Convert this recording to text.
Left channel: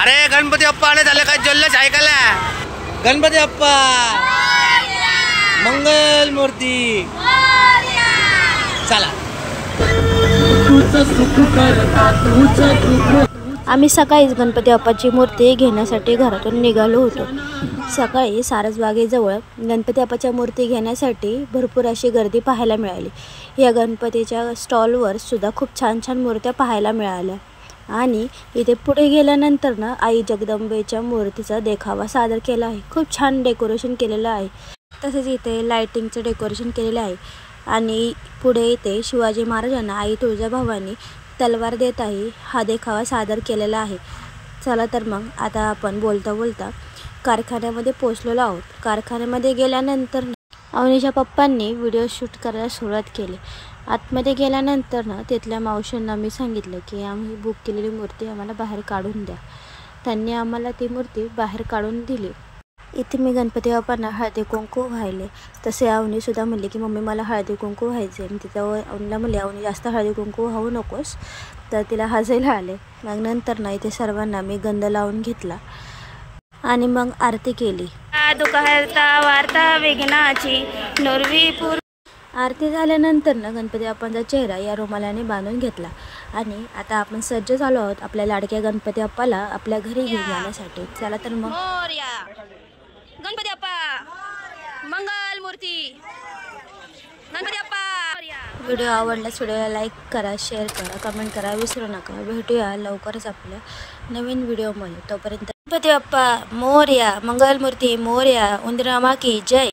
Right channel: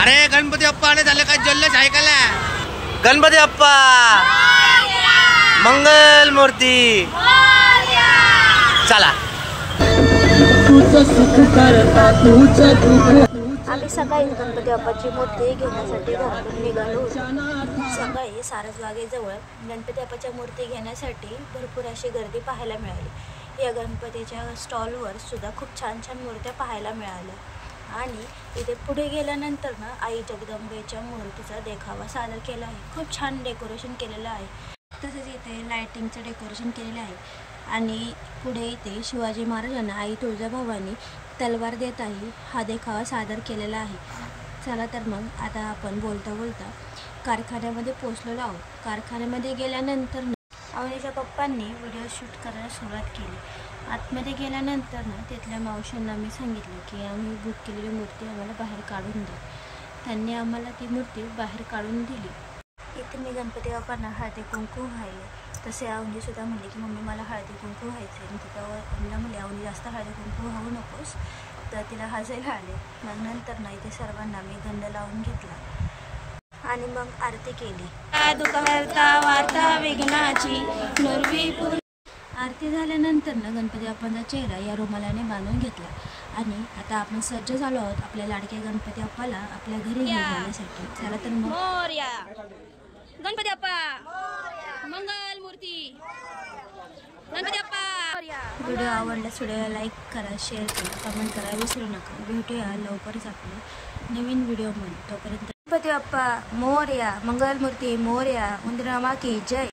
अरे गणपती बाप्पा आले झाले काय जल्लोष ऐकायला। गणपती बाप्पा मंगल मूर्ती चला। आम्ही सकाळीच गणपती बाप्पाची मूर्ती घेण्यासाठी घरातून निघालो होतो। सकाळी सारसबागेजवळ गणपती बाप्पाच्या मूर्ती घेण्यासाठी भरपूर अशी गर्दी पाहायला मिळाली। या गणपतीच्या स्टॉलवर सुद्धा खूप छान छान मूर्त्या पाहायला मिळाल्या आणि इथे पुढे गेल्यानंतर ना आई जगदंबेच्या मूर्तीचा देखावा सादर केला आहे। खूप छान डेकोरेशन केलेलं आहे। तसेच इथे लाइटिंगचं डेकोरेशन केलेलं आहे आणि पुढे इथे शिवाजी महाराजांना आई तुळजाभवानी तलवार देत आहे हा देखावा सादर केलेला आहे। चला तर मग आता आपण बोलता बोलता कारखान्यामध्ये पोहोचलेलो आहोत। कारखान्यामध्ये गेल्यानंतर अवनीच्या पप्पांनी व्हिडिओ शूट करायला सुरुवात केली। आतमध्ये गेल्यानंतर ना तिथल्या मावशींना मी सांगितलं की आम्ही बुक केलेली मूर्ती आम्हाला बाहेर काढून द्या। त्यांनी आम्हाला ती मूर्ती बाहेर काढून दिली। इथे मी गणपती बाप्पांना हळदी कुंकू व्हायले, तसे अवनीसुद्धा म्हणली की मम्मी मला हळदी कुंकू व्हायचे आहे। तिथं अवनीला म्हणले अवनी जास्त हळदी कुंकू वाहू नकोस, तर तिला हसायला आले। मग नंतर ना इथे सर्वांना मी गंध लावून घेतला आणि मग आरती केली। दुःखहर्ता वार्ता विघ्नाची नुर्वीपूर। आरती झाल्यानंतर ना गणपती बाप्पांचा चेहरा या रुमालाने बांधून घेतला आणि आता आपण सज्ज झालो आहोत आपल्या लाडक्या गणपती बाप्पाला आपल्या घरी घेऊन जाण्यासाठी। चला तर मग गणपती बाप्पा मंगल मूर्ती गणपती बाप्पा। व्हिडिओ आवडल्यास व्हिडिओला लाईक करा, शेअर करा, कमेंट करा विसरू नका। भेटूया लवकरच आपल्या नवीन व्हिडिओमध्ये। तोपर्यंत गणपती बाप्पा मोरया, मंगल मूर्ती मोरया, उंदरामा की जय।